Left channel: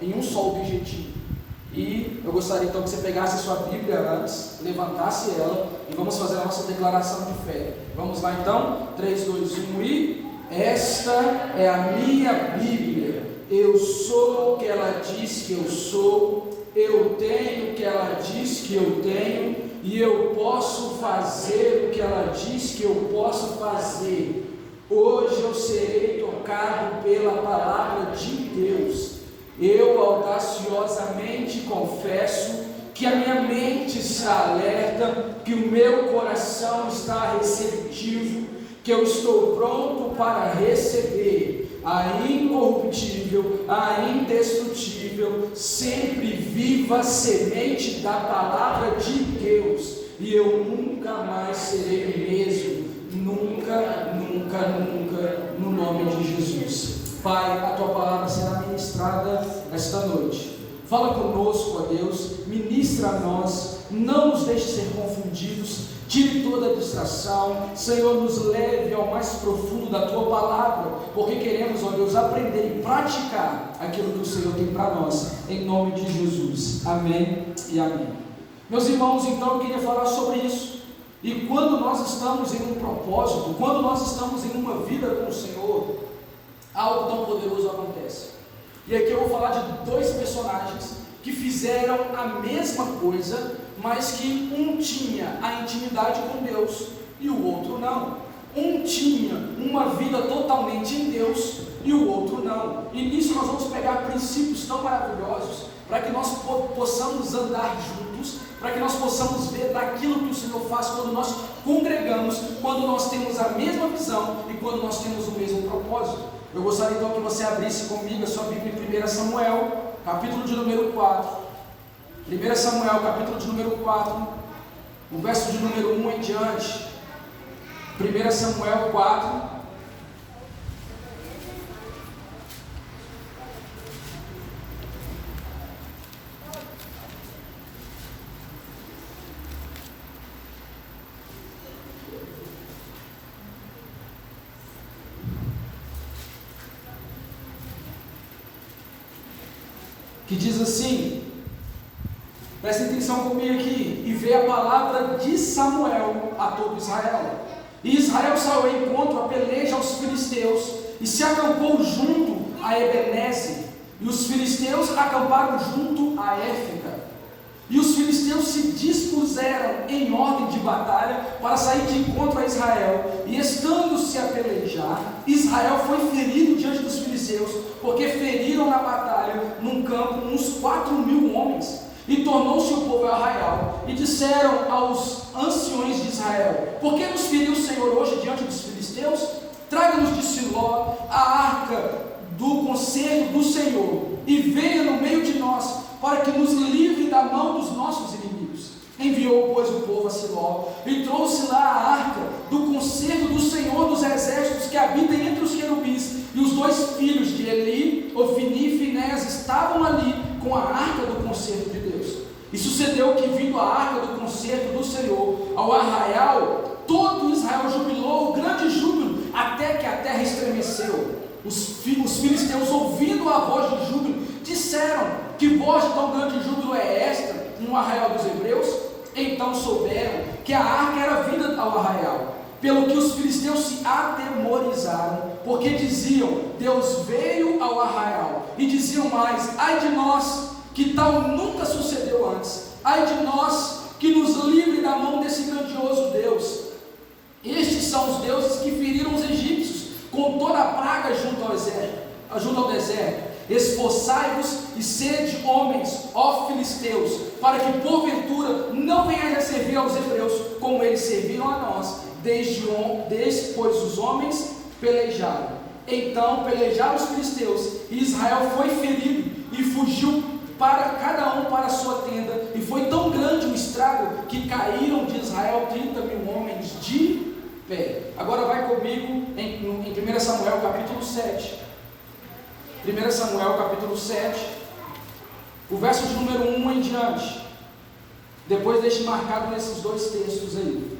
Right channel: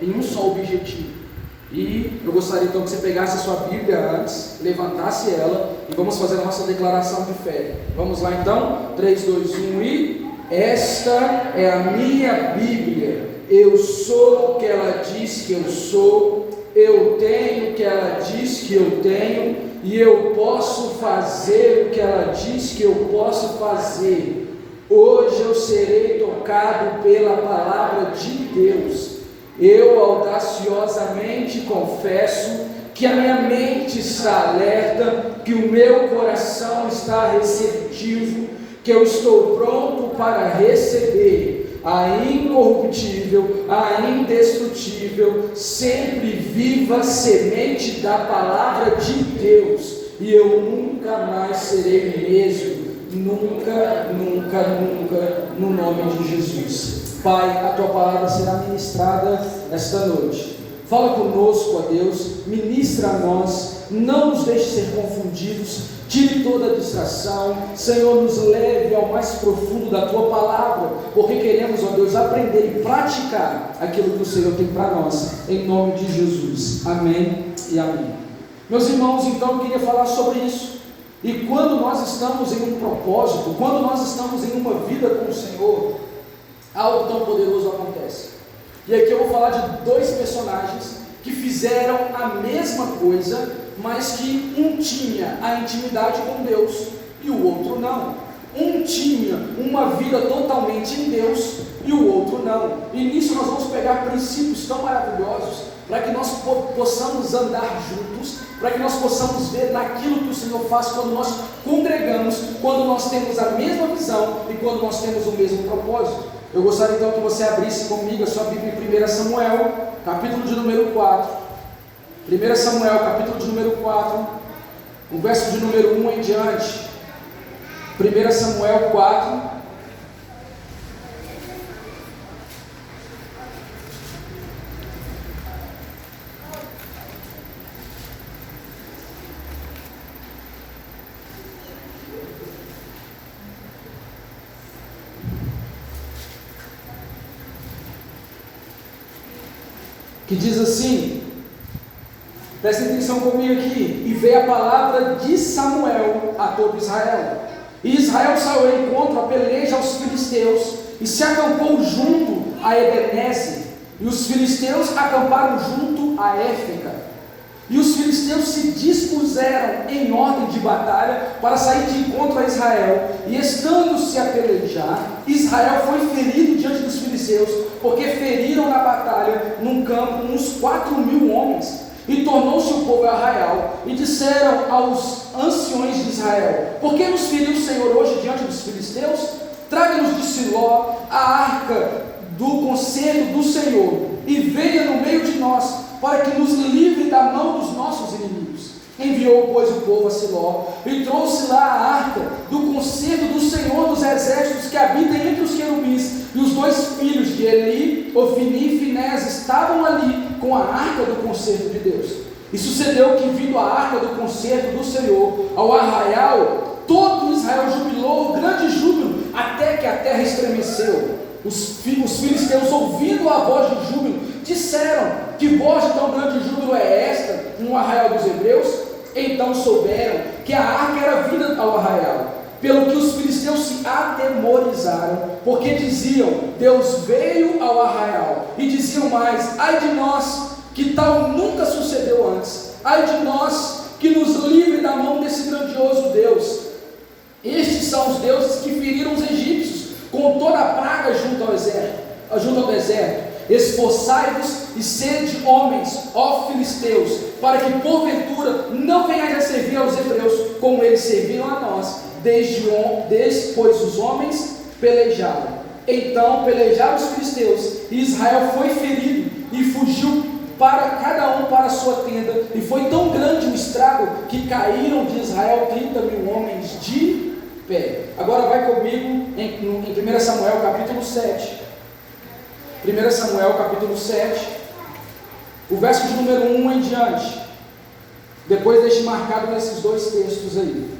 em um só objetivo. E eu gostaria então que você pegasse a sua Bíblia antes, levantasse ela e vamos fazer a nossa declaração de fé. Vamos lá então? 3, 2, 1 e... Esta é a minha Bíblia. Eu sou o que ela diz que eu sou, eu tenho o que ela diz que eu tenho, e eu posso fazer o que ela diz que eu posso fazer. Hoje eu serei tocado pela palavra de Deus. Eu audaciosamente confesso que a minha mente está alerta, que o meu coração está receptivo, que eu estou pronto para receber a incorruptível, a indestrutível, sempre viva semente da palavra de Deus, e eu nunca mais serei o mesmo, nunca, nunca, nunca, no nome de Jesus. Pai, a tua palavra será ministrada esta noite. Fala conosco, ó Deus, ministra a nós, não nos deixe ser confundidos, tire toda a distração, Senhor, nos leve ao mais profundo da tua palavra, porque queremos, ó Deus, aprender e praticar aquilo que o Senhor tem para nós, em nome de Jesus. Amém e amém. Meus irmãos, então eu queria falar sobre isso. E quando nós estamos em um propósito, quando nós estamos em uma vida com o Senhor, algo tão poderoso acontece. E aqui eu vou falar de dois personagens que fizeram a mesma coisa, mas que um tinha a intimidade com Deus e o outro não. Um tinha uma vida totalmente em Deus e o outro não. E nisso nós vamos pegar princípios tão maravilhosos para que nós possamos andar juntos, para que nós possamos ver naquilo que o Senhor faz quando nós congregamos, quando nós temos a mesma visão e quando nós temos o mesmo propósito. Eu gostaria então que você abrisse comigo a sua Bíblia em 1 Samuel, capítulo de número 4. 1 Samuel, capítulo de número 4, o verso de número 1 em diante. 1 Samuel 4. Que diz assim, prestem atenção comigo aqui, e veio a palavra de Samuel a todo Israel. E Israel saiu ao encontro, a peleja aos filisteus, e se acampou junto a Ebenezer, e os filisteus acamparam junto a Éfega. E os filisteus se dispuseram em ordem de batalha para sair de encontro a Israel, e estando-se a pelejar, Israel foi ferido diante dos filisteus, porque feriram na batalha, num campo, uns 4.000 homens, e tornou-se o povo arraial, e disseram aos anciões de Israel: por que nos feriu o Senhor hoje diante dos filisteus? Traga-nos de Siló a arca do conselho do Senhor, e venha no meio de nós, para que nos livre da mão dos nossos inimigos. Enviou, pois, o povo a Siló, e trouxe lá a arca do concerto do Senhor dos exércitos, que habita entre os querubins, e os dois filhos de Eli, Ofni e Finés, estavam ali com a arca do concerto de Deus. E sucedeu que, vindo a arca do concerto do Senhor ao arraial, todo Israel jubilou, grande júbilo, até que a terra estremeceu. Os filisteus, ouvindo a voz de júbilo, disseram: que voz de tão grande júbilo é esta no arraial dos hebreus? Então souberam que a arca era vinda ao arraial, pelo que os filisteus se atemorizaram, porque diziam: Deus veio ao arraial, e diziam mais: ai de nós, que tal nunca sucedeu antes, ai de nós, que nos livre da mão desse grandioso Deus. Estes são os deuses que feriram os egípcios com toda a praga junto ao deserto. Esforçai-vos e sede homens, ó filisteus, para que porventura não venhais a servir aos hebreus, como eles serviram a nós, pois os homens pelejaram. Então pelejaram os filisteus, e Israel foi ferido, e fugiu para cada um para a sua tenda, e foi tão grande o estrago, que caíram de Israel 30.000 homens de pé. Agora vai comigo em 1 Samuel capítulo 7. 1 Samuel capítulo 7, o verso de número 1 em diante. Depois deixe marcado nesses dois textos aí.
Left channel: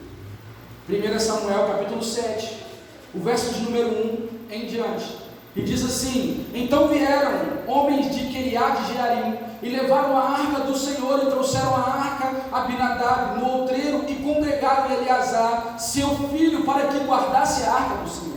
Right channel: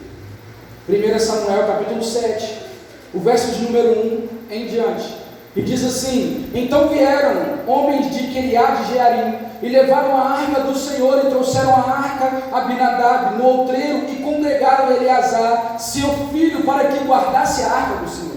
1 Samuel capítulo 7, o verso de número 1 em diante. E diz assim: então vieram homens de Queriá de Jearim, e levaram a arca do Senhor e trouxeram a arca a Abinadab, no outreiro, e congregaram Eleazar, seu filho, para que guardasse a arca do Senhor.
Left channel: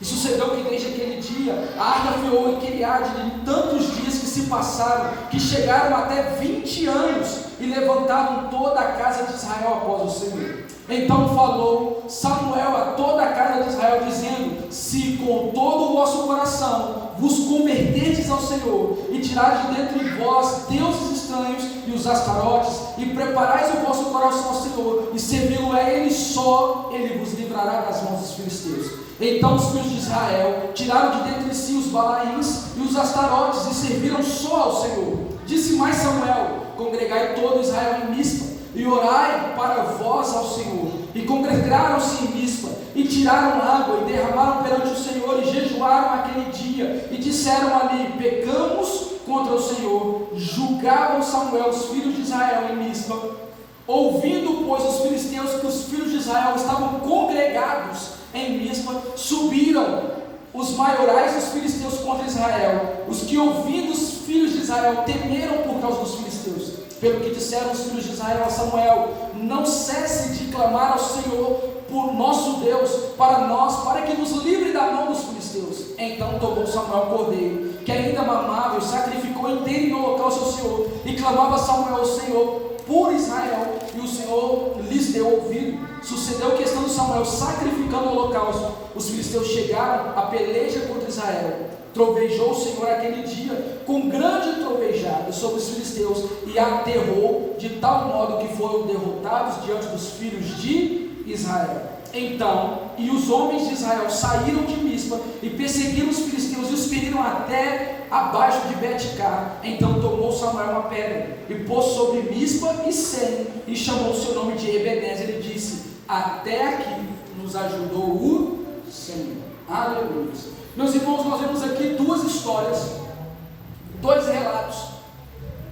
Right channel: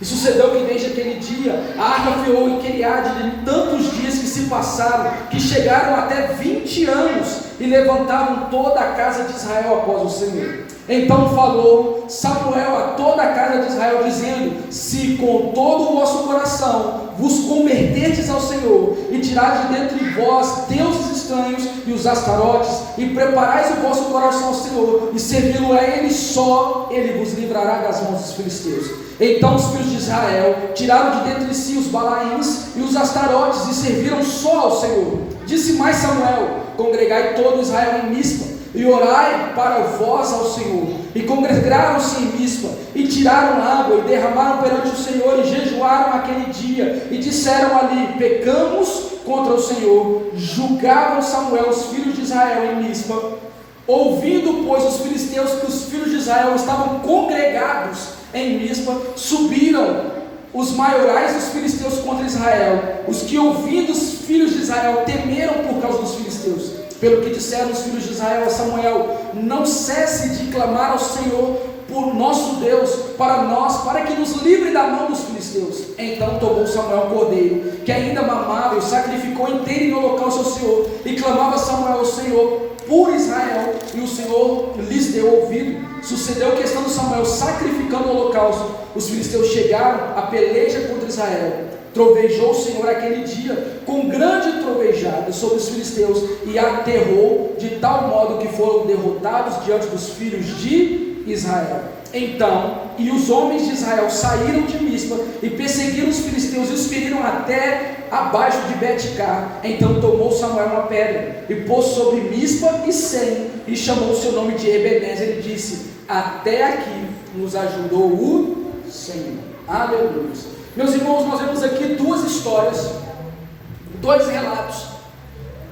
E sucedeu que desde aquele dia a arca ficou em Queriá de tantos dias que se passaram, que chegaram até 20 anos, e levantavam toda a casa de Israel após o Senhor. Então falou Samuel a toda a casa de Israel, dizendo: se com todo o vosso coração vos converterdes ao Senhor, e tirardes de dentre vós deuses estranhos e os astarotes, e preparais o vosso coração ao Senhor, e servi-lo a Ele só, Ele vos livrará das mãos dos filisteus. Então os filhos de Israel tiraram de dentre si os balaíns e os astarotes, e serviram só ao Senhor. Disse mais Samuel: congregai todo Israel em Mispa, e orai para vós ao Senhor. E congregaram-se em Mispa, e tiraram água, e derramaram perante o Senhor, e jejuaram aquele dia, e disseram ali: pecamos contra o Senhor. Julgavam Samuel os filhos de Israel em Mispa. Ouvindo, pois, os filisteus que os filhos de Israel estavam congregados em Mispa, subiram os maiorais dos filisteus contra Israel. Os que, ouvindo os filhos de Israel, temeram por causa dos filisteus. Pelo que disseram os filhos de Israel a Samuel: não cesse de clamar ao Senhor por nosso Deus para nós, para que nos livre da mão dos filisteus. Então tomou Samuel um cordeiro, que ainda mamava, e o sacrificou inteiro em holocausto ao Senhor, e clamava Samuel ao Senhor por Israel, e o Senhor lhes deu ouvido. Sucedeu que, estando Samuel sacrificando o holocausto, os filisteus chegaram a peleja contra Israel. Trovejou o Senhor aquele dia com grande trovejada sobre os filisteus, e aterrou de tal modo que foram derrotados diante dos filhos de Israel. Então, e os homens de Israel saíram de Mispa e perseguiram os filisteus e os feriram até abaixo de Bet-car. Então tomou Samuel uma pedra e pôs sobre Mispa e Sem, e chamou o seu nome de Ebenezer, e disse: até aqui nos ajudou o Senhor. Aleluia. Meus irmãos, nós vemos aqui duas histórias, dois relatos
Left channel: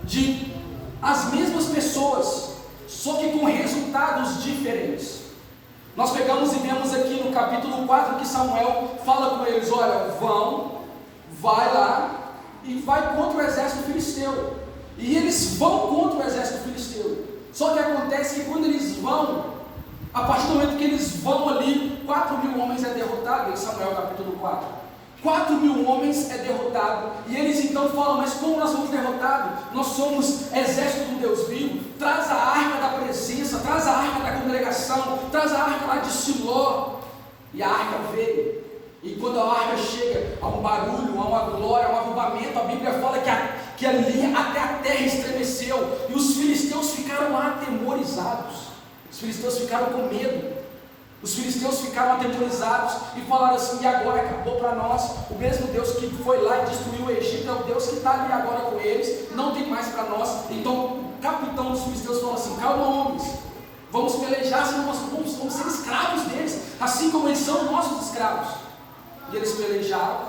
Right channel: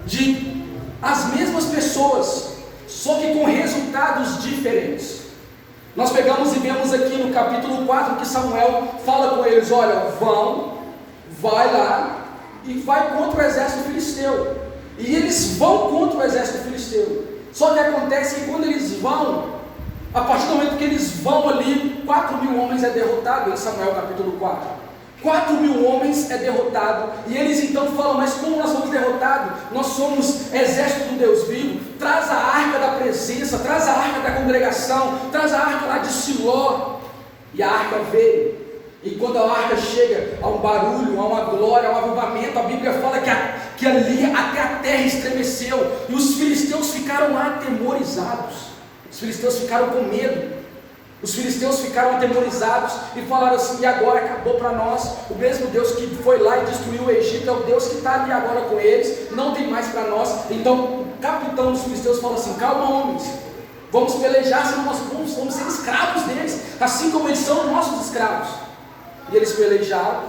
de as mesmas pessoas, só que com resultados diferentes. Nós pegamos e vemos aqui no capítulo 4 que Samuel fala com eles: olha, vai lá e vai contra o exército filisteu. E eles vão contra o exército filisteu. Só que acontece que quando eles vão, a partir do momento que eles vão ali, 4.000 homens é derrotado, em Samuel capítulo 4. 4.000 homens é derrotado, e eles então falam: mas como nós somos derrotados? Nós somos exército do Deus vivo. Traz a arca da presença, traz a arca da congregação, traz a arca lá de Siló. E a arca veio, e quando a arca chega, há um barulho, há uma glória, há um avivamento. A Bíblia fala que ali até a terra estremeceu, e os filisteus ficaram atemorizados, os filisteus ficaram com medo. Os filisteus ficaram atemorizados e falaram assim: e agora acabou para nós. O mesmo Deus que foi lá e destruiu o Egito é o Deus que está ali agora com eles, não tem mais para nós. Então o capitão dos filisteus falou assim: calma, homens, vamos pelejar, senão nós vamos ser escravos deles, assim como eles são nossos escravos. E eles pelejaram,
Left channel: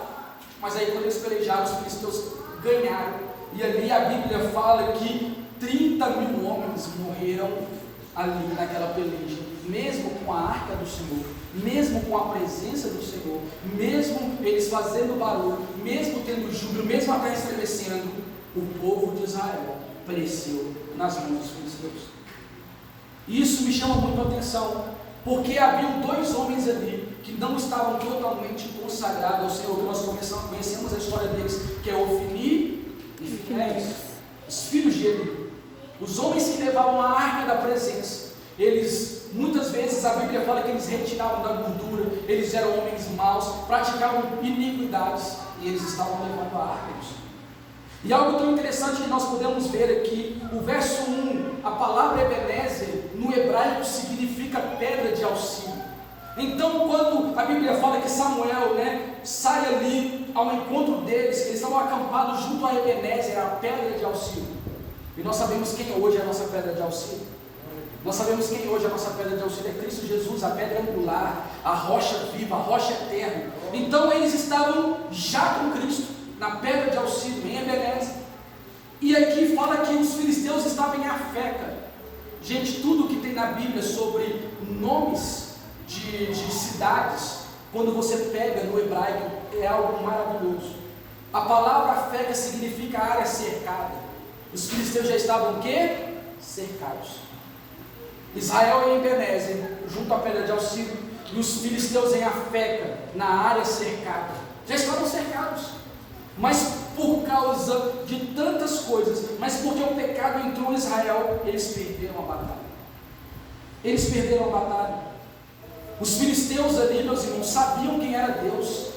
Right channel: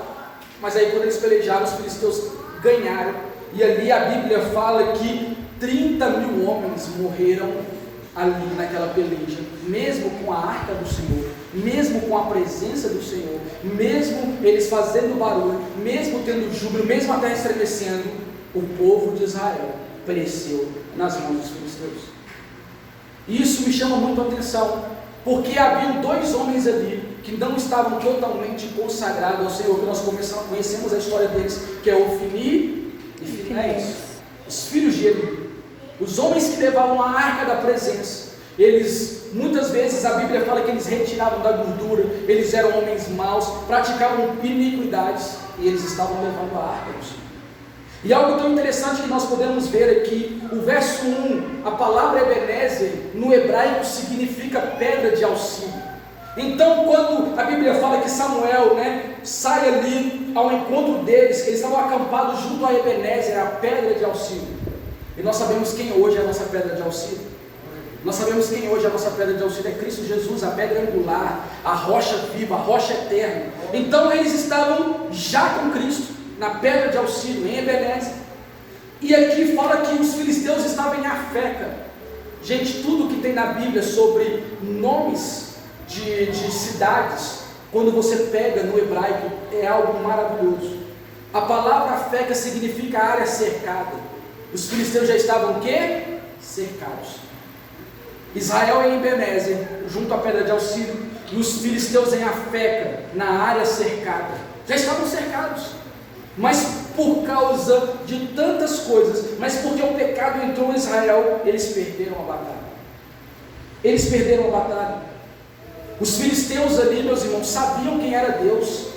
mas aí quando eles pelejaram, os filisteus ganharam. E ali a Bíblia fala que 30.000 homens morreram ali naquela peleja, mesmo com a arca do Senhor, mesmo com a presença do Senhor, mesmo eles fazendo barulho, mesmo tendo júbilo, mesmo a terra estremecendo, o povo de Israel pereceu nas mãos dos filisteus. Isso me chama muito a atenção, porque havia dois homens ali que não estavam totalmente consagrados ao Senhor, que nós conhecemos a história deles, que é Ofni e Finéias, os filhos de Eli. Os homens que levavam a arca da presença, eles, muitas vezes a Bíblia fala que eles retiravam da gordura, eles eram homens maus, praticavam iniquidades, e eles estavam levando a arca do Senhor. E algo tão interessante que nós podemos ver aqui, o verso 1, a palavra Ebenezer, no hebraico significa pedra de auxílio. Então, quando a Bíblia fala que Samuel, sai ali ao encontro deles, eles estavam acampados junto a Ebenezer, a pedra de auxílio. E nós sabemos quem hoje é a nossa pedra de auxílio. Nós sabemos quem hoje é a nossa pedra de auxílio, é Cristo Jesus, a pedra angular, a rocha viva, a rocha eterna. Então eles estavam já com Cristo, na pedra de auxílio, em Ebenezer. E aqui fala que os filisteus estavam em Afeca. Gente, tudo que tem na Bíblia sobre nomes de cidades, quando você pega no hebraico, é algo maravilhoso. A palavra feca significa área cercada. Os filisteus já estavam o quê? Cercados. Israel em Ebenezer, junto à pedra de auxílio, e os filisteus em Afeca, na área cercada. Já estavam cercados. Mas por causa de tantas coisas, mas porque o pecado entrou em Israel, eles perderam a batalha. Eles perderam a batalha. Os filisteus ali, meus irmãos, sabiam quem era Deus.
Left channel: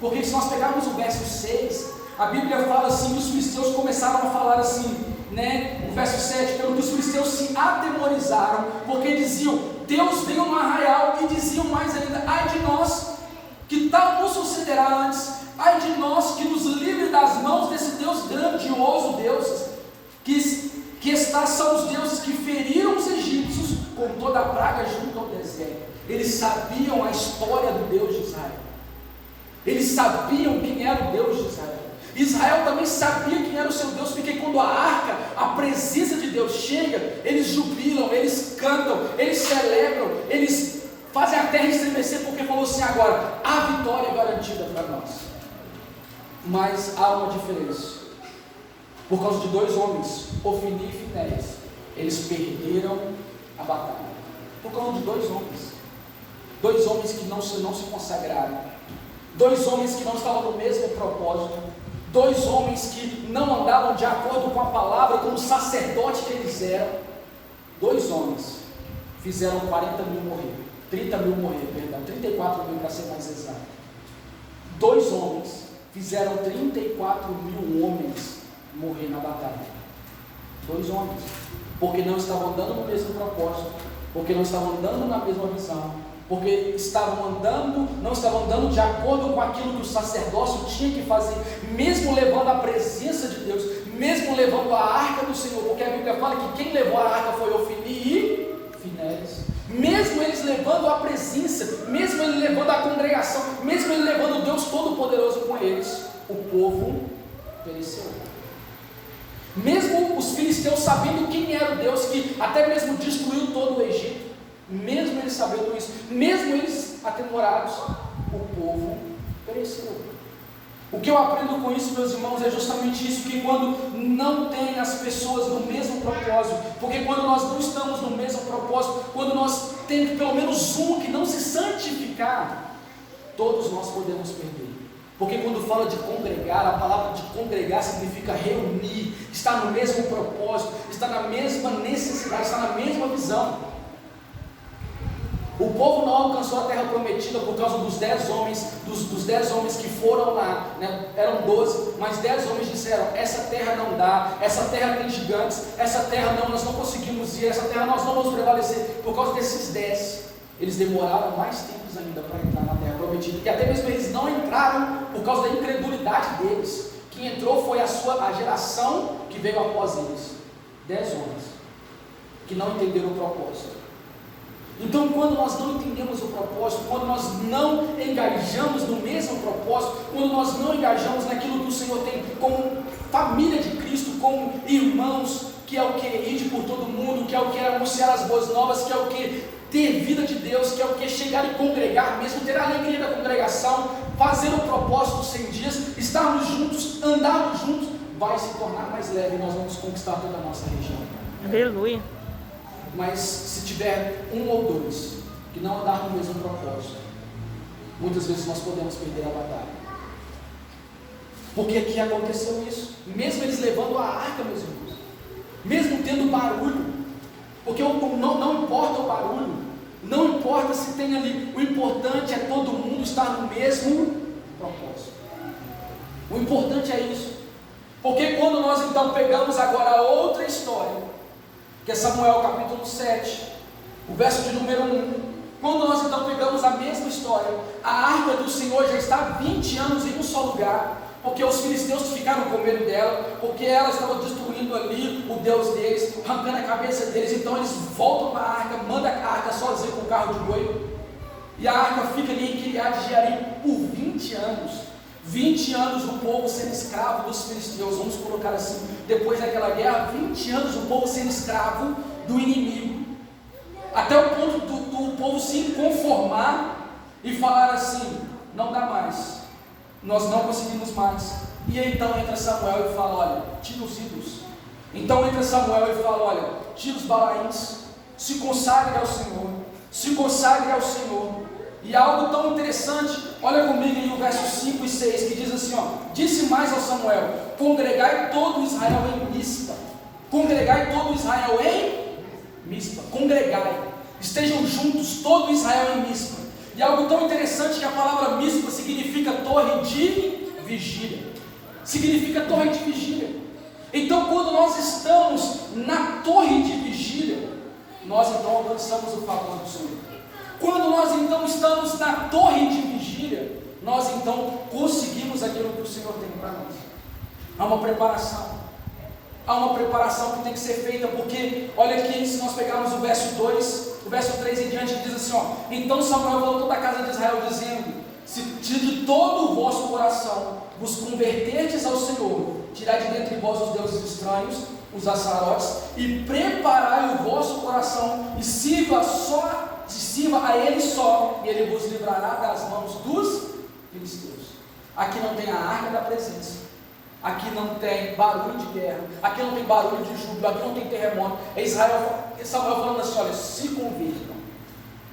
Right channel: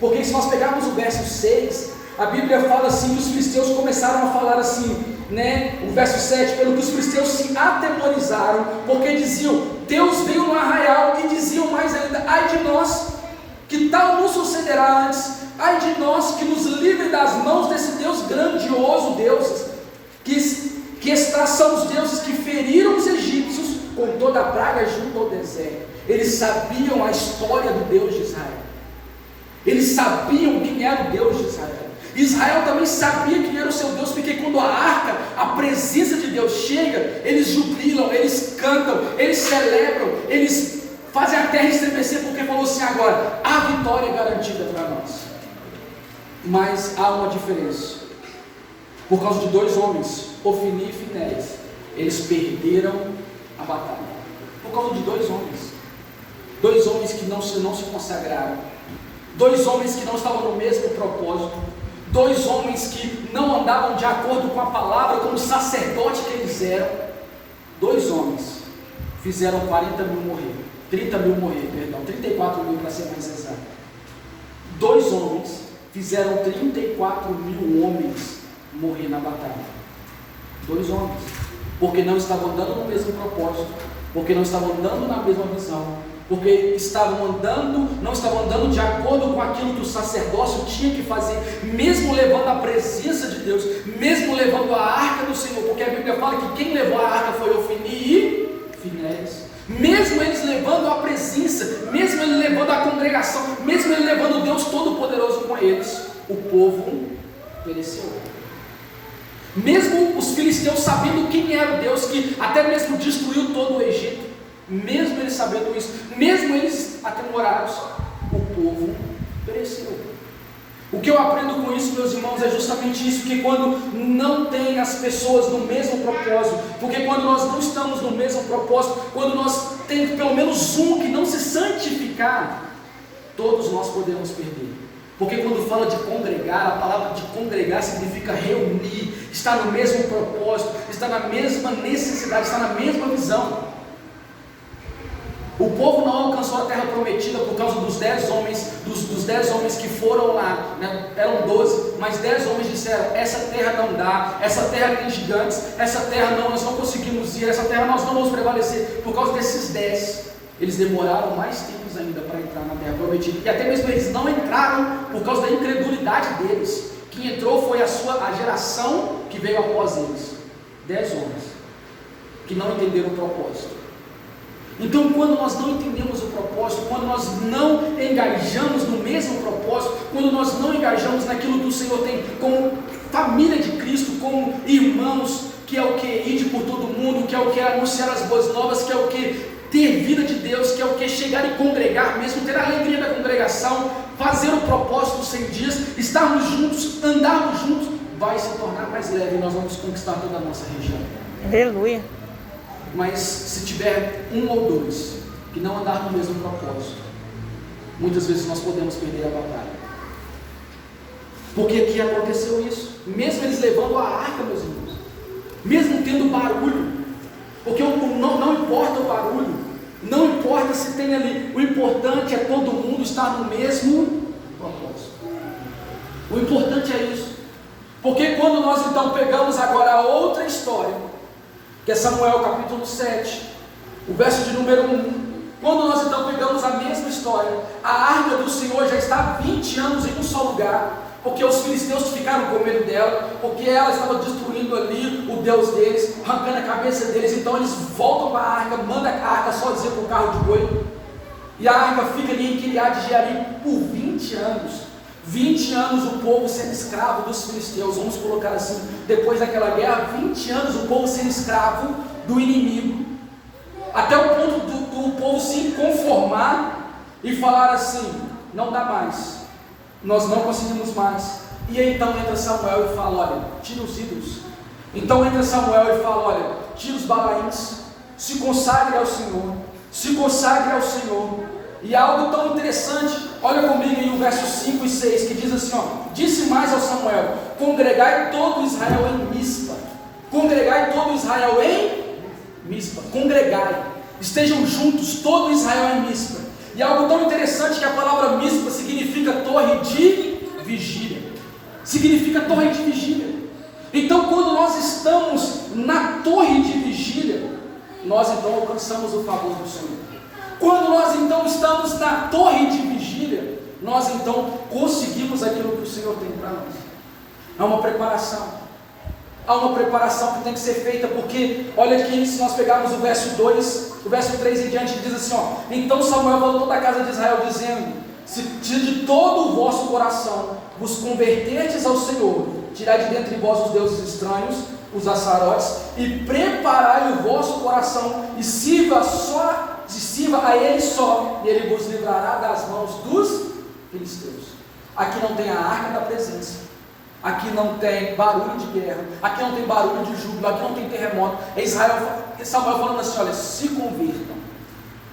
Porque se nós pegarmos o verso 6, a Bíblia fala assim, os filisteus começaram a falar assim, né? O verso 7, pelo que os filisteus se atemorizaram, porque diziam, Deus veio no arraial, e diziam mais ainda, ai de nós, que tal nos sucederá antes, ai de nós, que nos livre das mãos desse Deus grandioso, Deus, que são os deuses que feriram os egípcios com toda a praga junto ao deserto. Eles sabiam a história do Deus de Israel, eles sabiam quem era o Deus de Israel. Israel também sabia quem era o seu Deus, porque quando a arca, a presença de Deus chega, eles jubilam, eles cantam, eles celebram, eles fazem a terra estremecer, porque falou assim agora, a vitória é garantida para nós. Mas há uma diferença, por causa de dois homens, Ofni e Finéias, eles perderam a batalha, por causa de dois homens que não se consagraram, dois homens que não estavam no mesmo propósito, dois homens que não andavam de acordo com a palavra, como sacerdote que eles eram. Dois homens fizeram 40 mil morrer, 30 mil morrer, perdão, 34 mil para ser mais exato. Dois homens fizeram 34 mil homens morrer na batalha. Dois homens, porque não estavam andando no mesmo propósito, porque não estavam andando na mesma visão, porque não estavam andando de acordo com aquilo que o sacerdócio tinha que fazer, mesmo levando a presença de Deus, mesmo levando a arca do Senhor, porque a Bíblia fala que quem levou a arca foi Ofni e Finéias. Mesmo eles levando a presença, mesmo eles levando a congregação, mesmo eles levando o Deus Todo-Poderoso com eles, o povo pereceu. Mesmo os filisteus sabendo quem era o Deus que até mesmo destruiu todo o Egito, mesmo eles sabendo isso, mesmo eles atemorados, o povo pereceu. O que eu aprendo com isso, meus irmãos, é justamente isso, que quando não tem as pessoas no mesmo propósito, porque quando nós não estamos no mesmo propósito, quando nós temos pelo menos um que não se santificar, todos nós podemos perder. Porque quando fala de congregar, a palavra de congregar significa reunir, estar no mesmo propósito, estar na mesma necessidade, estar na mesma visão. O povo não alcançou a terra prometida por causa dos 10 homens, dos 10 homens que foram lá, né? Eram 12, mas 10 homens disseram, essa terra não dá, essa terra tem gigantes, essa terra não, nós não conseguimos ir, essa terra nós não vamos prevalecer. Por causa desses 10, eles demoraram mais tempos ainda para entrar na terra prometida, e até mesmo eles não entraram por causa da incredulidade deles. Quem entrou foi a geração que veio após eles, 10 homens, que não entenderam o propósito. Então, quando nós não entendemos o propósito, quando nós não engajamos no mesmo propósito, quando nós não engajamos naquilo que o Senhor tem como família de Cristo, como irmãos, que é o que? Ir por todo mundo, que é o que? Anunciar as boas novas, que é o que? Ter vida de Deus, que é o que? Chegar e congregar mesmo, ter a alegria da congregação, fazer o propósito dos 100 dias, estarmos juntos, andarmos juntos, vai se tornar mais leve e nós vamos conquistar toda a nossa região. Aleluia. Mas se tiver um ou dois que não andar no mesmo propósito, muitas vezes nós podemos perder a batalha. Porque aqui aconteceu isso, mesmo eles levando a arca, meus irmãos, mesmo tendo barulho, porque não importa o barulho, não importa se tem ali, o importante é todo mundo estar no mesmo propósito. O importante é isso, porque quando nós então pegamos agora outra história, que é Samuel capítulo 7, o verso de número 1, quando nós então pegamos a mesma história, a arca do Senhor já está há 20 anos em um só lugar, porque os filisteus ficaram com medo dela, porque ela estava destruindo ali o Deus deles, arrancando a cabeça deles, então eles voltam para a arca, mandam a arca sozinha com o carro de boi, e a arca fica ali em Kiriat Jearim por 20 anos. 20 anos o povo sendo escravo dos filisteus, vamos colocar assim, depois daquela guerra, 20 anos o povo sendo escravo do inimigo, até o ponto do povo se conformar e falar assim, não dá mais, nós não conseguimos mais, E aí, então entra Samuel e fala: olha, tira os ídolos. Então entra Samuel e fala: olha, tira os balaíns, se consagre ao Senhor, se consagre ao Senhor. E algo tão interessante, olha comigo em o verso 5 e 6, que diz assim: ó, disse mais ao Samuel: congregai todo Israel em Mispa. Congregai todo Israel em Mispa. Congregai, estejam juntos todo Israel em Mispa. E algo tão interessante que a palavra Mispa significa torre de vigília. Significa torre de vigília. Então, quando nós estamos na torre de vigília, nós então alcançamos o favor do Senhor. Quando nós então estamos na torre de vigília, nós então conseguimos aquilo que o Senhor tem para nós. Há uma preparação. Há uma preparação que tem que ser feita, porque, olha aqui, se nós pegarmos o verso 2, o verso 3 em diante, diz assim, ó: então Samuel voltou da casa de Israel, dizendo: se de todo o vosso coração vos converterdes ao Senhor, tirai de dentre vós os deuses estranhos, os açarotes, e preparai o vosso coração, e sirva a Ele só, e Ele vos livrará das mãos dos filisteus. Aqui não tem a arca da presença, aqui não tem barulho de guerra, aqui não tem barulho de júbilo, aqui não tem terremoto. É Samuel falando assim: olha, se convertam,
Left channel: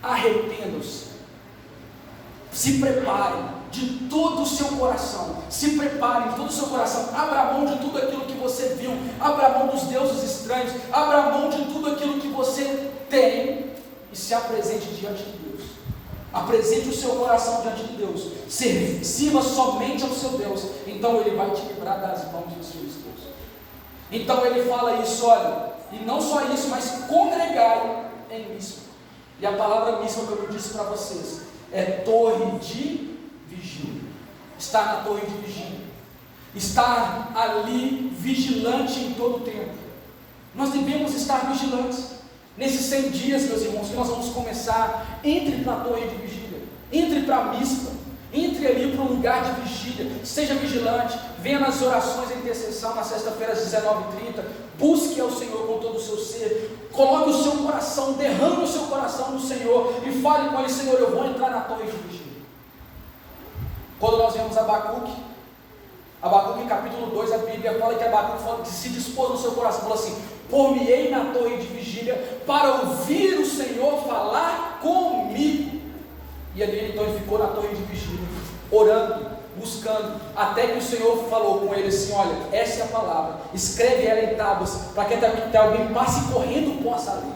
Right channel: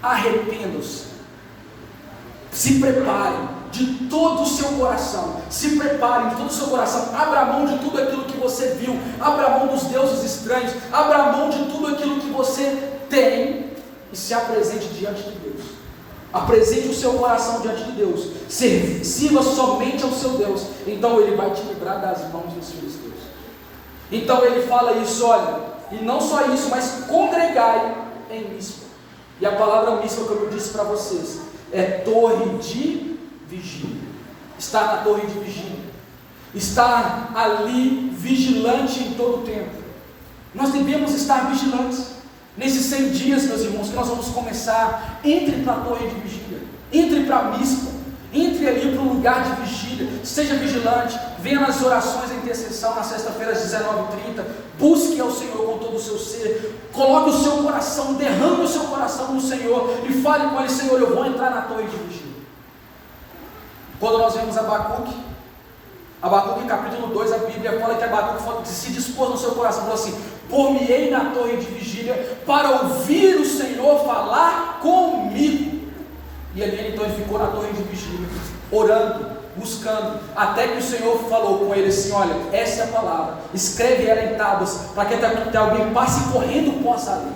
arrependam-se, se preparem de todo o seu coração, se preparem de todo o seu coração, abra mão de tudo aquilo que você viu, abra mão dos deuses estranhos, abra mão de tudo aquilo que você tem, e se apresente diante de Deus. Apresente o seu coração diante de Deus, sirva somente ao seu Deus, então Ele vai te livrar das mãos dos filisteus. Então ele fala isso, olha, e não só isso, mas congregai em Mispa. E a palavra Mispa, que eu disse para vocês, é torre de vigília. Está na torre de vigília, está ali vigilante em todo o tempo. Nós devemos estar vigilantes. Nesses 100 dias, meus irmãos, que nós vamos começar, entre para a torre de vigília, entre para a Mispa, entre ali para um lugar de vigília, seja vigilante, venha nas orações de intercessão na sexta-feira às 19h30, busque ao Senhor com todo o seu ser, coloque o seu coração, derrame o seu coração no Senhor e fale com Ele: Senhor, eu vou entrar na torre de vigília. Quando nós vemos Abacuque capítulo 2, a Bíblia fala que Abacuque se dispôs no seu coração, falou assim: por-me-ei na torre de vigília para ouvir o Senhor falar comigo. E ali então ele ficou na torre de vigília, orando, buscando, até que o Senhor falou com ele assim: olha, essa é a palavra, escreve ela em tábuas, para que alguém passe correndo possa ler.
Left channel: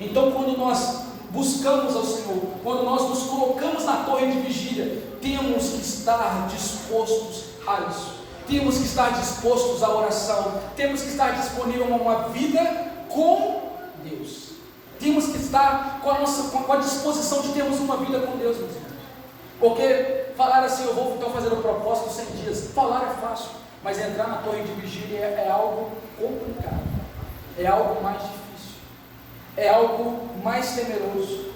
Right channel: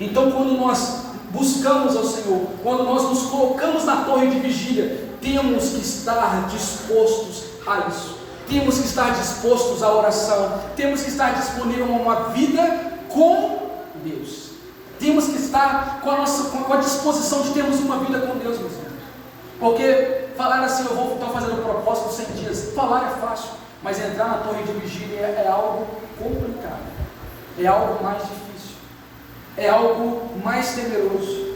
Então, quando nós buscamos ao Senhor, quando nós nos colocamos na torre de vigília, temos que estar dispostos a isso. Temos que estar dispostos à oração, temos que estar disponível a uma vida com Deus. Temos que estar com a disposição de termos uma vida com Deus, meus irmãos. Porque falar assim: eu vou então fazer o propósito dos 100 dias, falar é fácil, mas entrar na torre de vigília é algo complicado, é algo mais difícil, é algo mais temeroso,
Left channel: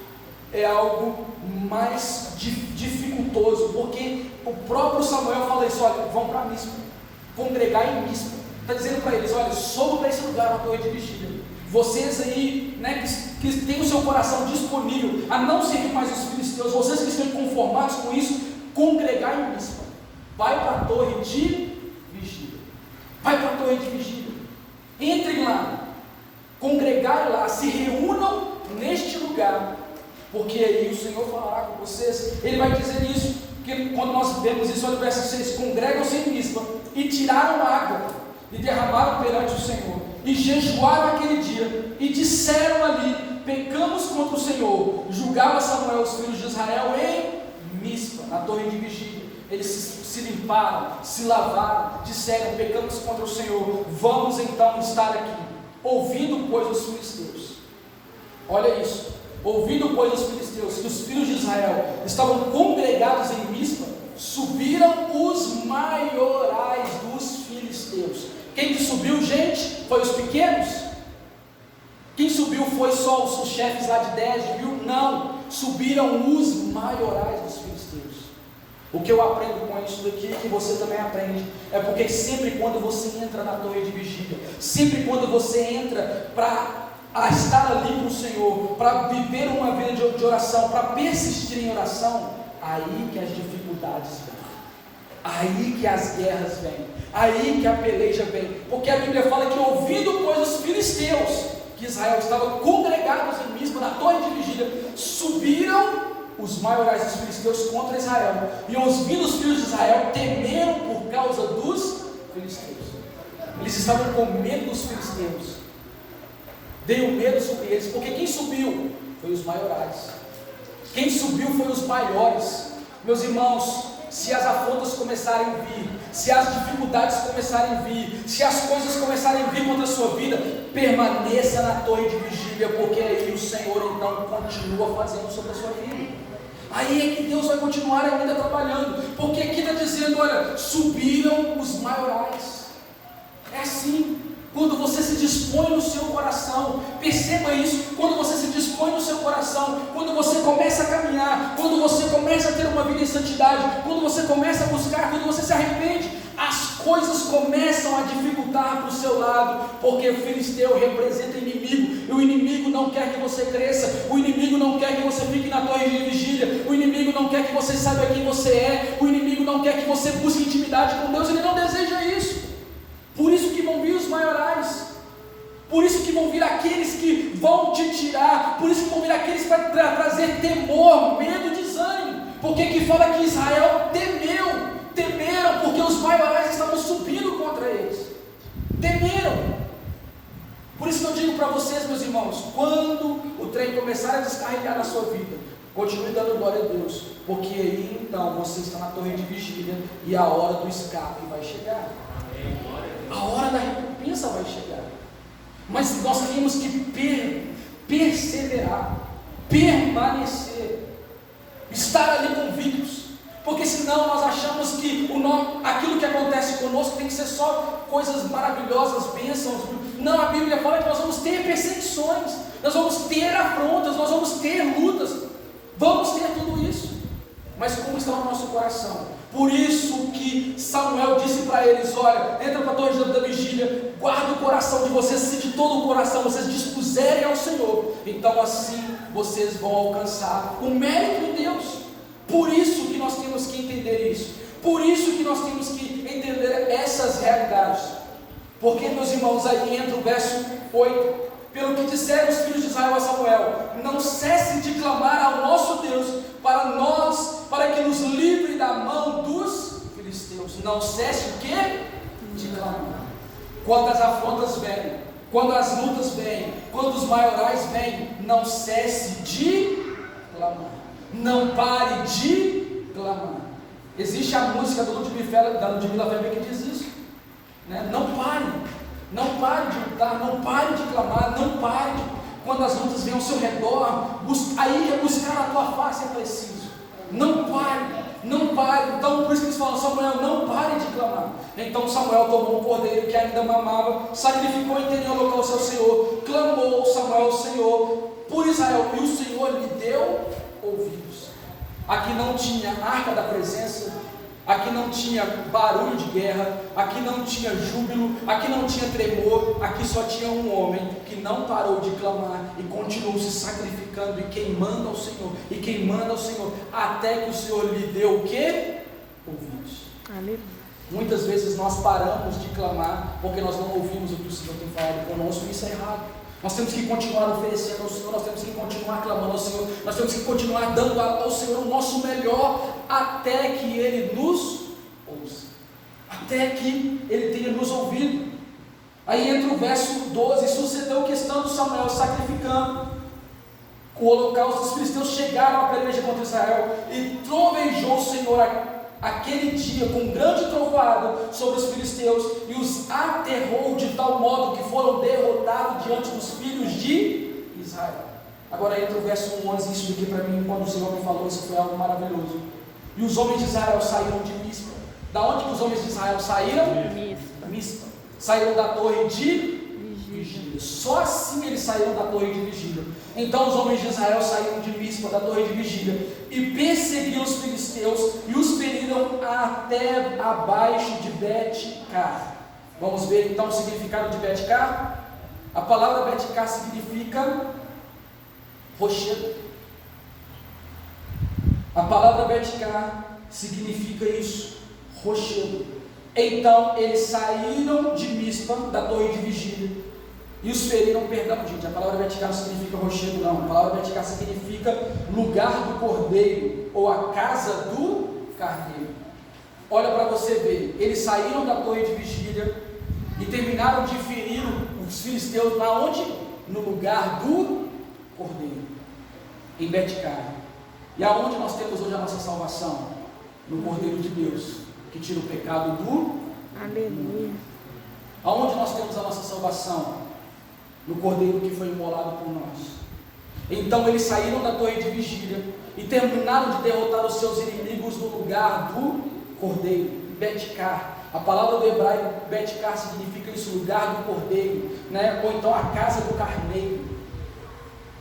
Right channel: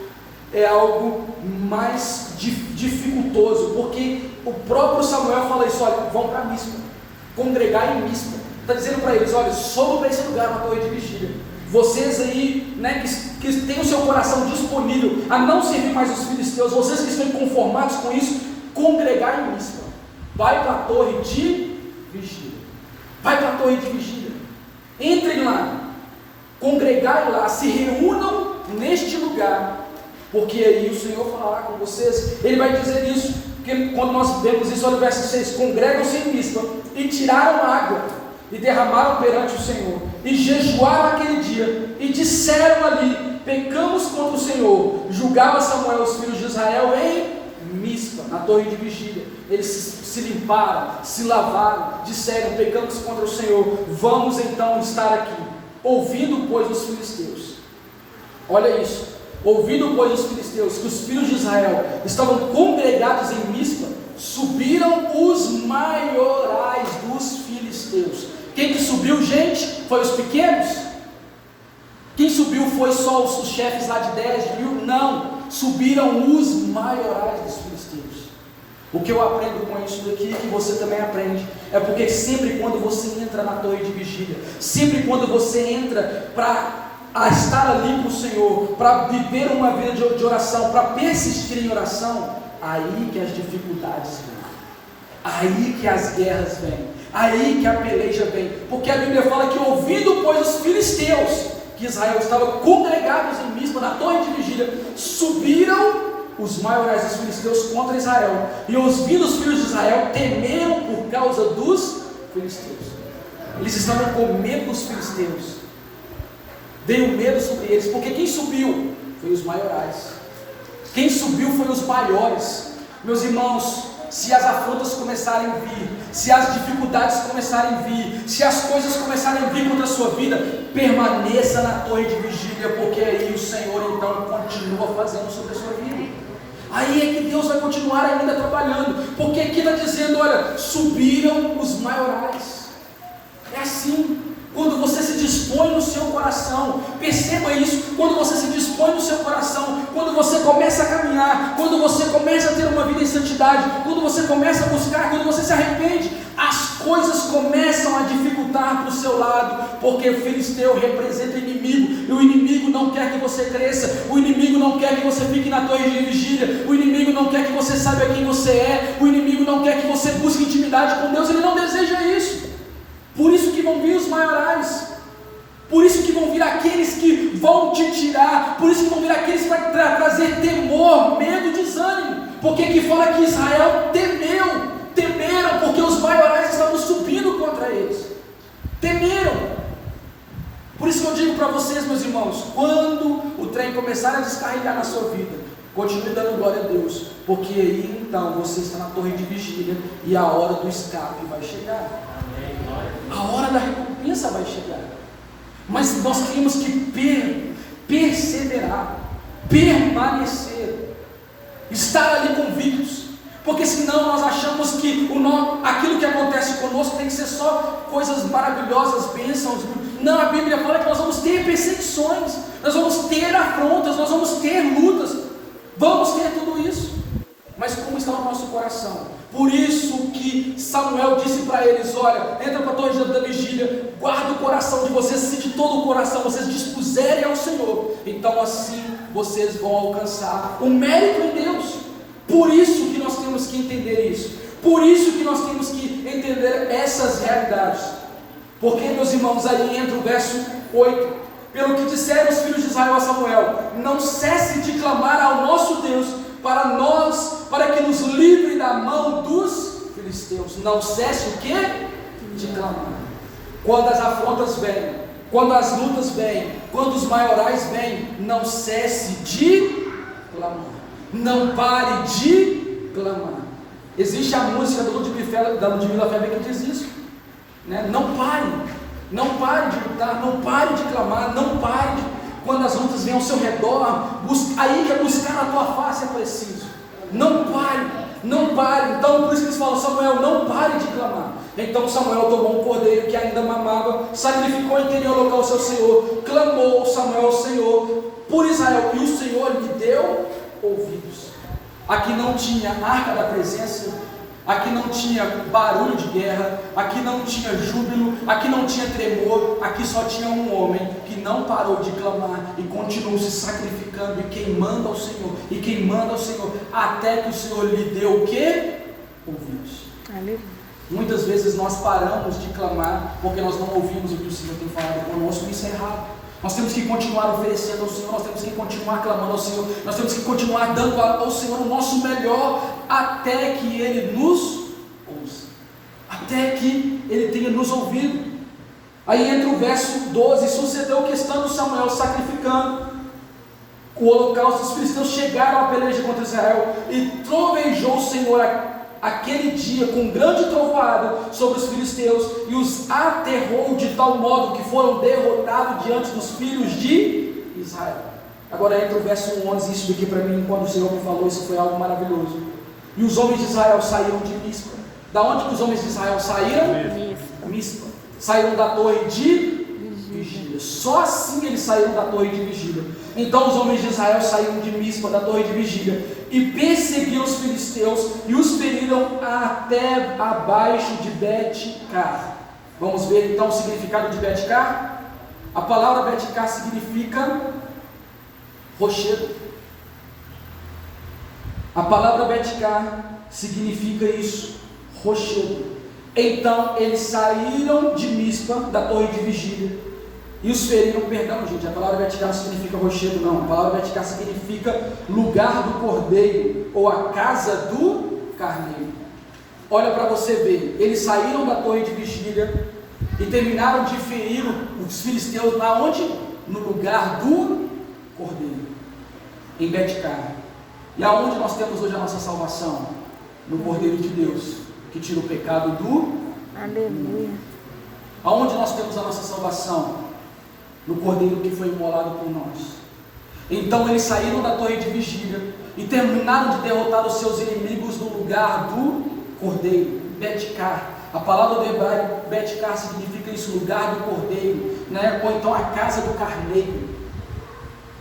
é algo mais dificultoso, porque o próprio Samuel fala isso: olha, vão para Mispa, congregar em Mispa. Está dizendo para eles: olha, sobe para esse lugar, na torre de vigília. Vocês aí, né, que têm o seu coração disponível a não servir mais os filisteus, vocês que estão conformados com isso, congregar em Mispa. Vai para a torre de vigília. Vai para a torre de vigília. Entrem lá, congregai lá, se reúnam neste lugar, porque aí o Senhor falará com vocês. Ele vai dizer isso, porque quando nós vemos isso, olha o verso 6: congregam-se em Mispa, e tiraram água, e derramaram perante o Senhor, e jejuaram aquele dia, e disseram ali: pecamos contra o Senhor. Julgava Samuel os filhos de Israel em Mispa, na torre de vigília. Eles se limparam, se lavaram, disseram: pecamos contra o Senhor, vamos então estar aqui. Ouvindo, pois, os filisteus, olha isso, ouvindo, pois, os filisteus que os filhos de Israel estavam congregados em Mispa, subiram os maiorais dos filisteus. Quem que subiu, gente? Foi os pequenos? Quem subiu foi só os chefes lá de 10 mil? Não, subiram os maiorais dos filisteus. O que eu aprendo com isso daqui, que você também aprende, é porque sempre quando você entra na torre de vigília, sempre quando você entra para estar ali com o Senhor, para viver uma vida de oração, para persistir em oração, aí que as dificuldades vêm. Aí que as guerras vêm, aí que a peleja vem, porque a Bíblia fala que ouvindo, pois, os filisteus, que Israel estava congregados em Mispa, na torre de vigília, subiram os maiorais dos filisteus contra Israel, e ouvindo os filhos de Israel, temeram por causa dos filisteus. Eles estavam com medo dos filisteus, veio medo sobre eles, porque quem subiu foi os maiorais, quem subiu foi os maiores. Meus irmãos, se as afrontas começarem a vir, se as dificuldades começarem a vir, se as coisas começarem a vir contra a sua vida, permaneça na torre de vigília, porque aí o Senhor então continua fazendo sobre a sua vida. Aí é que Deus vai continuar ainda trabalhando, porque aqui está dizendo, olha, subiram os maiorais. É assim, quando você se dispõe no seu coração, perceba isso, quando você se dispõe no seu coração, quando você começa a caminhar, quando você começa a ter uma vida em santidade, quando você começa a buscar, quando você se arrepende, as coisas começam a dificultar para o seu lado, porque o filisteu representa o inimigo, e o inimigo não quer que você cresça, o inimigo não quer que você fique na torre de vigília, o inimigo não quer que você saiba quem você é, o inimigo não quer que você busque intimidade com Deus, ele não deseja isso. Por isso que vão vir os maiorais, por isso que vão vir aqueles que vão te tirar, por isso que vão vir aqueles para trazer temor, medo, desânimo, porque aqui fala que Israel temeram, porque os maiorais estavam subindo contra eles, temeram. Por isso que eu digo para vocês, meus irmãos, quando o trem começar a descarregar na sua vida, continue dando glória a Deus, porque aí então você está na torre de vigília e a hora do escape vai chegar. A hora da recompensa vai chegar, mas nós temos que perseverar, permanecer, estar ali convictos, porque senão nós achamos que aquilo que acontece conosco tem que ser só coisas maravilhosas, bênçãos. Não, a Bíblia fala que nós vamos ter perseguições, nós vamos ter afrontas, nós vamos ter lutas, vamos ter tudo isso, mas como está no nosso coração? Por isso que Samuel disse para eles, olha, entra para a torre da vigília, guarda o coração de vocês, se de todo o coração vocês dispuserem ao Senhor, então assim vocês vão alcançar o mérito em Deus. Por isso que nós temos que entender isso, por isso que nós temos que entender essas realidades, porque, meus irmãos, aí entra o verso 8, pelo que disseram os filhos de Israel a Samuel, não cesse de clamar ao nosso Deus, para que nos livre da mão dos filisteus. Não cesse o quê? De clamar. Quando as afrontas vêm, quando as lutas vêm, quando os maiorais vêm, não cesse de clamar. Não pare de clamar. Existe a música da Ludmilla Feber que diz isso, né? Não pare de lutar, não pare de clamar, não pare de... Quando as lutas vêm ao seu redor, aí que buscar a tua face é preciso. Não pare. Então, por isso que eles falam, Samuel, não pare de clamar. Então Samuel tomou um cordeiro que ainda mamava, sacrificou em interior local ao seu Senhor, clamou Samuel ao Senhor por Israel, e o Senhor lhe deu ouvidos. Aqui não tinha arca da presença, aqui não tinha barulho de guerra, aqui não tinha júbilo, aqui não tinha tremor, aqui só tinha um homem que não parou de clamar e continuou se sacrificando e queimando ao Senhor, até que o Senhor lhe deu o quê? Ouvidos. Aleluia. Muitas vezes nós paramos de clamar porque nós não ouvimos o que o Senhor tem falado conosco, e isso é errado. Nós temos que continuar oferecendo ao Senhor, nós temos que continuar clamando ao Senhor, nós temos que continuar dando ao Senhor o nosso melhor, até que Ele nos ouça, até que Ele tenha nos ouvido. Aí entra o verso 12, sucedeu que estando Samuel sacrificando o holocausto, os filisteus chegaram à peleja contra Israel, e trovejou o Senhor aquele dia com grande trovoada sobre os filisteus, e os aterrou de tal modo que foram derrotados diante dos filhos de Israel. Agora entra o verso 11, isso daqui para mim, quando o Senhor me falou, isso foi algo maravilhoso. E os homens de Israel saíram de Mispa. Da onde que os homens de Israel saíram? Mispa. Saíram da torre de vigília. Só assim eles saíram da torre de vigília. Então os homens de Israel saíram de Mispa, da torre de vigília, e perseguiram os filisteus e os feriram até abaixo de Bet-car. Vamos ver então o significado de Bet-car? A palavra Bet-car significa rochedo. A palavra Bet-car significa isso, rochedo. Então eles saíram de Mispa, da torre de vigília, e os feriram. Perdão, gente, a palavra Betcar não significa rochedo, não. A palavra Betcar significa lugar do cordeiro, ou a casa do carneiro. Olha para você ver, eles saíram da torre de vigília e terminaram de ferir os filisteus na onde? No lugar do cordeiro, em Betcar. E aonde nós temos hoje a nossa salvação? No Cordeiro de Deus, que tira o pecado do... Aleluia. Aonde nós temos a nossa salvação? No Cordeiro que foi imolado por nós. Então eles saíram da torre de vigília e terminaram de derrotar os seus inimigos no lugar do Cordeiro, Betcar. A palavra do hebraico Betcar significa isso, lugar do Cordeiro, né? Ou então a casa do carneiro.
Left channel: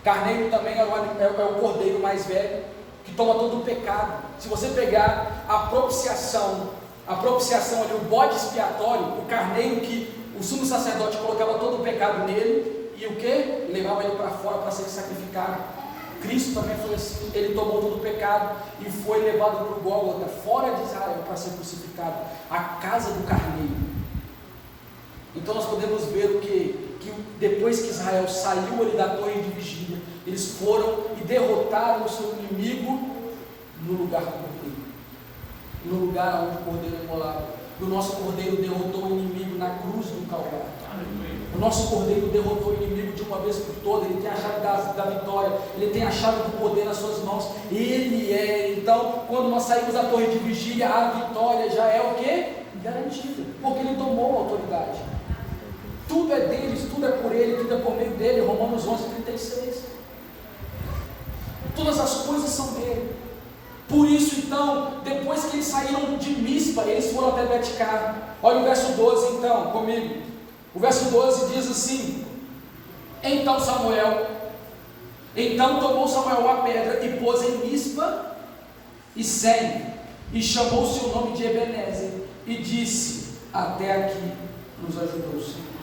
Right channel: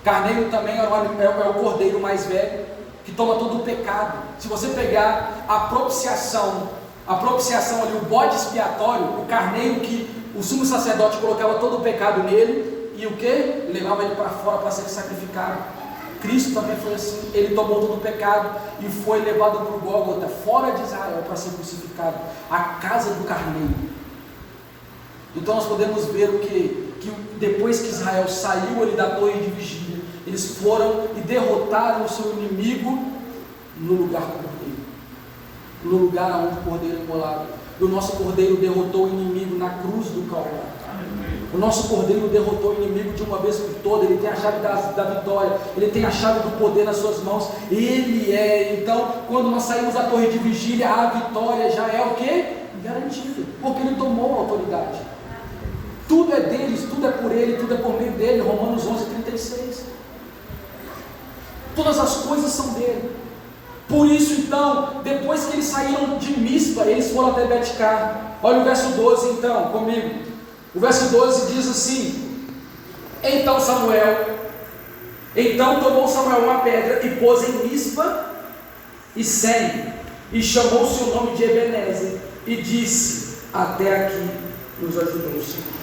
Carneiro também é o cordeiro mais velho, que toma todo o pecado. Se você pegar a propiciação ali, o bode expiatório, o carneiro que o sumo sacerdote colocava todo o pecado nele, e o que? Levava ele para fora para ser sacrificado. Cristo também foi assim, ele tomou todo o pecado e foi levado para o Gólgota, fora de Israel, para ser crucificado, a casa do carneiro. Então nós podemos ver o que depois que Israel saiu ali da torre de vigília, eles foram e derrotaram o seu inimigo no lugar do cordeiro, no lugar onde o cordeiro é imolado. O nosso cordeiro derrotou o inimigo na cruz do Calvário. O nosso cordeiro derrotou o inimigo de uma vez por todas. Ele tem a chave da vitória, ele tem a chave do poder nas suas mãos. Ele é, então, quando nós saímos da torre de vigília, a vitória já é o que? Garantida, porque ele tomou a autoridade. Tudo é deles, tudo é por ele, tudo é por meio dele. Romanos 11:36. Todas as coisas são dele. Por isso, então, depois que eles saíram de Mispa, eles foram até Betcar. Olha o verso 12, então, comigo. O verso 12 diz assim: Então tomou Samuel uma pedra e pôs em Mispa e Sem, e chamou o seu nome de Ebenezer, e disse: Até aqui nos ajudou o Senhor.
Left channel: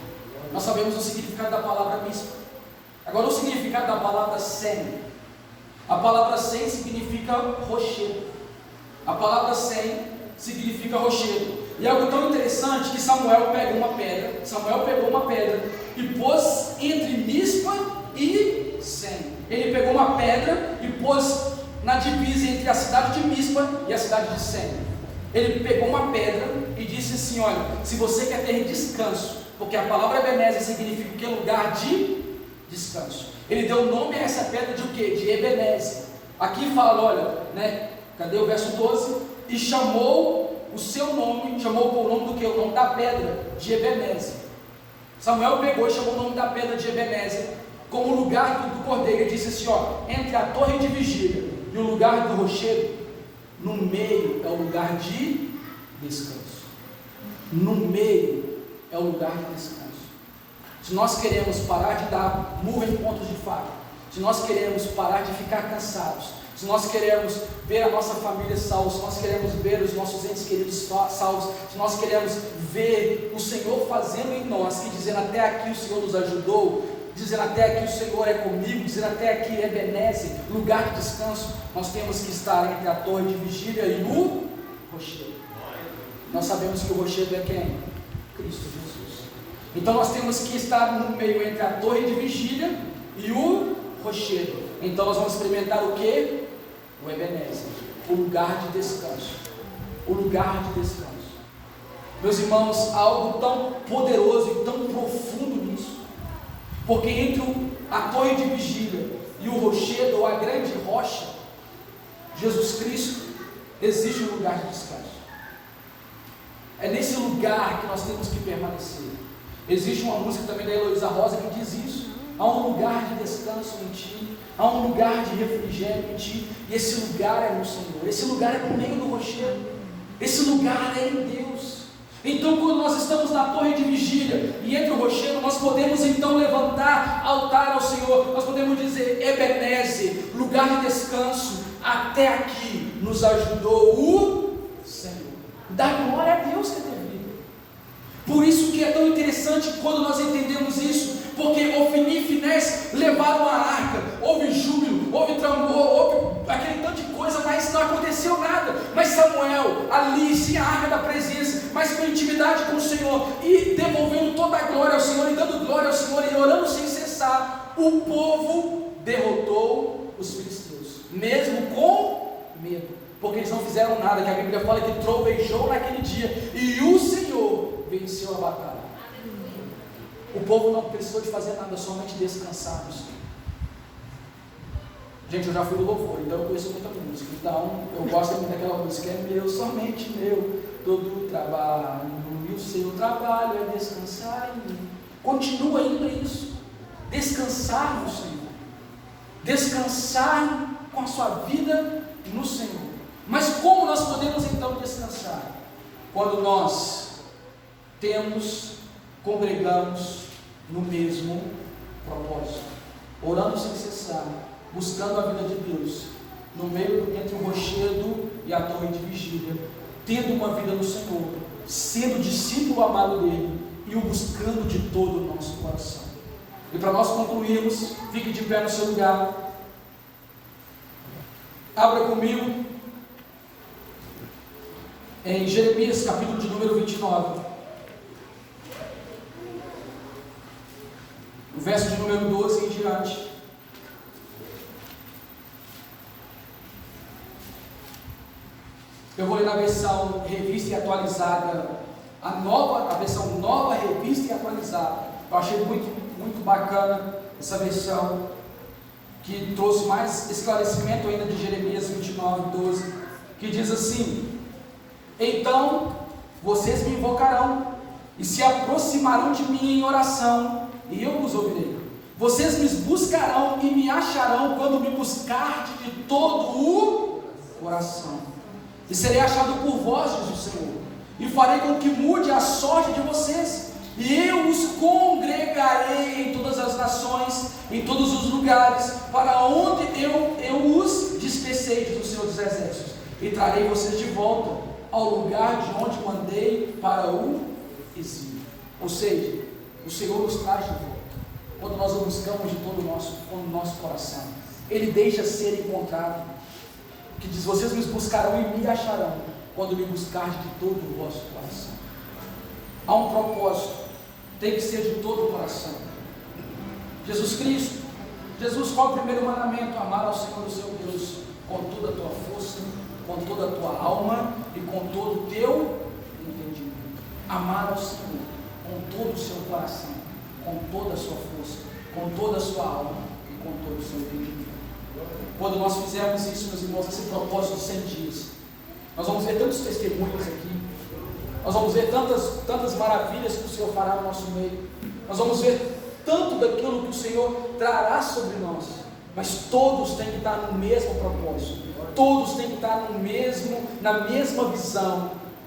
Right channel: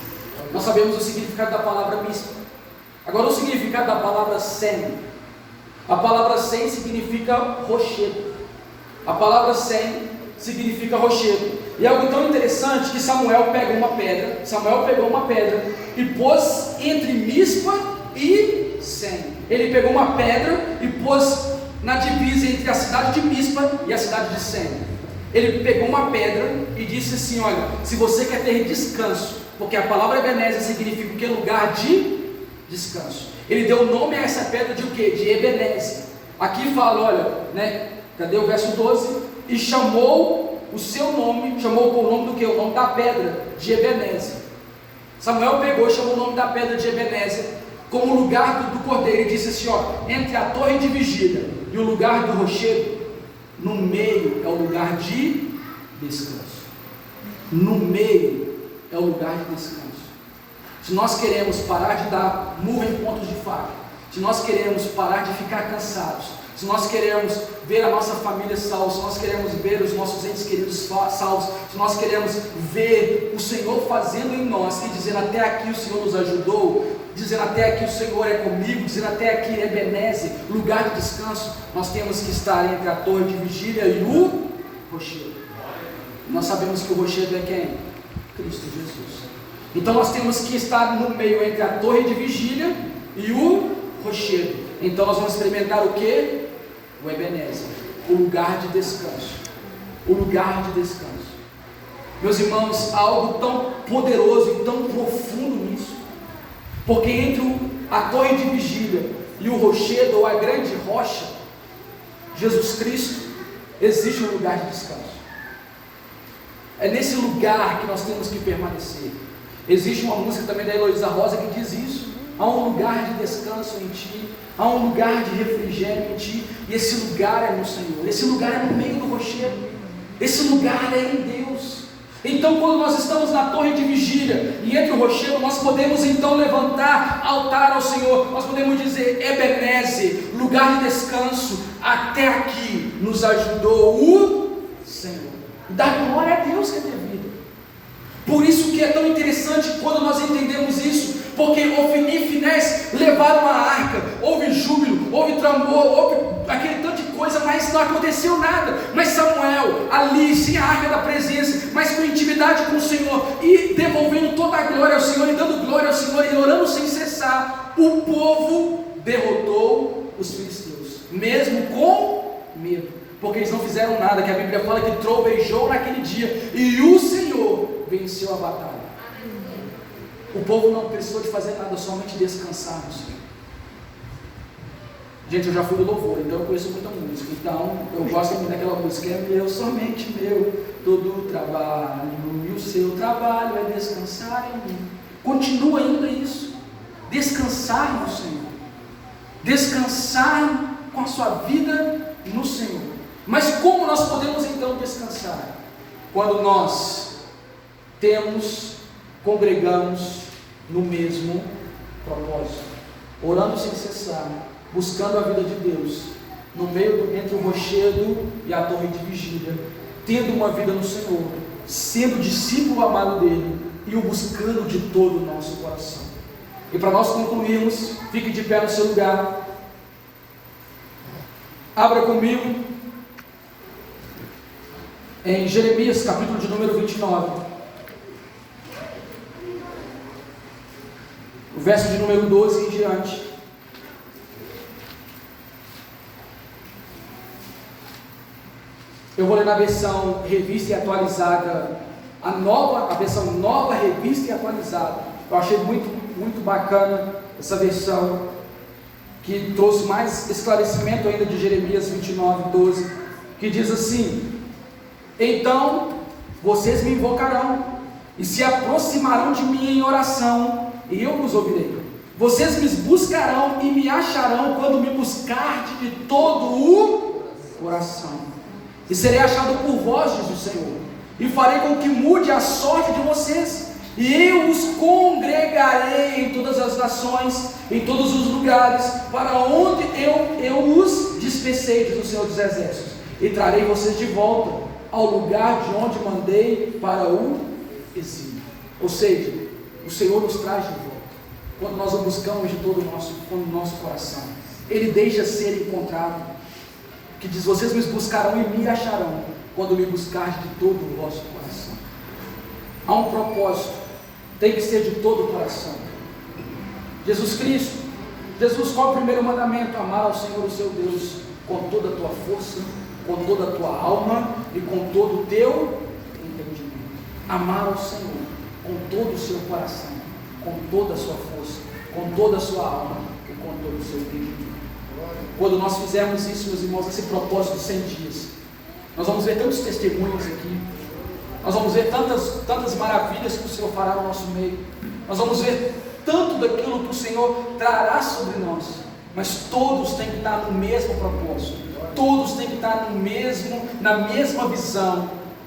Nós sabemos o significado da palavra Mispa. Agora o significado da palavra Sem. A palavra Sem significa rochedo. A palavra Sem significa rochedo. E algo tão interessante que Samuel pegou uma pedra e pôs entre Mispa e Sem. Ele pegou uma pedra e pôs na divisa entre a cidade de Mispa e a cidade de Sem. Ele pegou uma pedra e disse assim: olha, se você quer ter descanso, porque a palavra Ebenezer significa o que? Lugar de descanso. Ele deu nome a essa pedra de o que? De Ebenezer. Aqui fala, olha, né? Cadê o verso 12? E chamou o seu nome, chamou com o nome do que? O nome da pedra, de Ebenezer. Samuel pegou e chamou o nome da pedra de Ebenezer como lugar do cordeiro. Ele disse assim, ó, entre a torre de vigília e o lugar do rochedo, no meio é o lugar de descanso. No meio é o lugar de descanso. Se nós queremos parar de dar murro em pontos de faca, se nós queremos parar de ficar cansados, se nós queremos ver a nossa família salva, se nós queremos ver os nossos entes queridos salvos, se nós queremos ver o Senhor fazendo em nós, e dizendo até aqui o Senhor nos ajudou, dizendo até aqui o Senhor é comigo, dizendo até aqui é Ebenezer, lugar de descanso, nós temos que estar entre a torre de vigília e o rochedo. Nós sabemos que o rochedo é quem? Cristo Jesus. Então nós temos que estar no meio entre a torre de vigília e o rochedo. Então nós vamos experimentar o que? O Ebenezer, o lugar de descanso. O lugar de descanso. Meus irmãos, há algo tão poderoso e tão profundo nisso. Porque entre a torre de vigília e o rochedo, ou a grande rocha, Jesus Cristo, existe um lugar de descanso. É nesse lugar que nós temos que permanecer. Existe uma música também da Heloísa Rosa que diz isso. Há um lugar de descanso em ti, há um lugar de refrigério em ti, e esse lugar é no Senhor, esse lugar é no meio do rochedo, esse lugar é em Deus. Então quando nós estamos na torre de vigília e entre o rochedo, nós podemos então levantar altar ao Senhor, nós podemos dizer Ebenezer, lugar de descanso, até aqui nos ajudou o Senhor. Dar glória a Deus que é ter vida. Por isso que é tão interessante quando nós entendemos isso, porque Ofni e Finés levaram a arca, houve júbilo, houve tremor, houve aquele tanto de coisa, mas não aconteceu nada. Mas Samuel, ali, sem a arca da presença presença, mas com intimidade com o Senhor, e devolvendo toda a glória ao Senhor, e dando glória ao Senhor, e orando sem cessar, o povo derrotou os filisteus, mesmo com medo, porque eles não fizeram nada, que a Bíblia fala que trovejou naquele dia, e o Senhor venceu a batalha. O povo não precisou de fazer nada, somente descansar no Senhor. Gente, eu já fui do louvor, então eu conheço muita música, então eu gosto muito daquela música, é meu, somente meu, todo o trabalho, e o seu trabalho é descansar em mim. Continua ainda isso, descansar no Senhor, descansar com a sua vida no Senhor. Mas como nós podemos então descansar? Quando nós congregamos no mesmo propósito, orando sem cessar, buscando a vida de Deus, no meio entre o rochedo e a torre de vigília, tendo uma vida no Senhor, sendo discípulo amado dele e o buscando de todo o nosso coração. E para nós concluirmos, fique de pé no seu lugar, abra comigo em Jeremias, capítulo de número 29, o verso de número 12 em diante. Eu vou ler na versão revista e atualizada, a versão nova, revista e atualizada. Eu achei muito bacana essa versão, que trouxe mais esclarecimento ainda de Jeremias 29, 12, que diz assim: então vocês me invocarão e se aproximarão de mim em oração, e eu vos ouvirei. Vocês me buscarão e me acharão quando me buscardes de todo o coração. E serei achado por vós, diz o Senhor, e farei com que mude a sorte de vocês, e eu os congregarei em todas as nações, em todos os lugares, para onde eu os dispersei, diz o Senhor dos Exércitos, e trarei vocês de volta ao lugar de onde mandei para o exílio. Ou seja, o Senhor nos traz de volta, quando nós o buscamos de todo o nosso coração. Ele deixa ser encontrado, que diz: vocês me buscarão e me acharão, quando me buscarem de todo o vosso coração. Há um propósito, tem que ser de todo o coração. Jesus Cristo, qual é o primeiro mandamento? Amar ao Senhor o seu Deus com toda a tua força, com toda a tua alma e com todo o teu entendimento. Amar ao Senhor com todo o seu coração, com toda a sua força, com toda a sua alma e com todo o seu entendimento. Quando nós fizermos isso, meus irmãos, esse propósito de 100 dias, nós vamos ver tantos testemunhos aqui, nós vamos ver tantas maravilhas que o Senhor fará no nosso meio, nós vamos ver tanto daquilo que o Senhor trará sobre nós, mas todos têm que estar no mesmo propósito, todos têm que estar na mesma visão,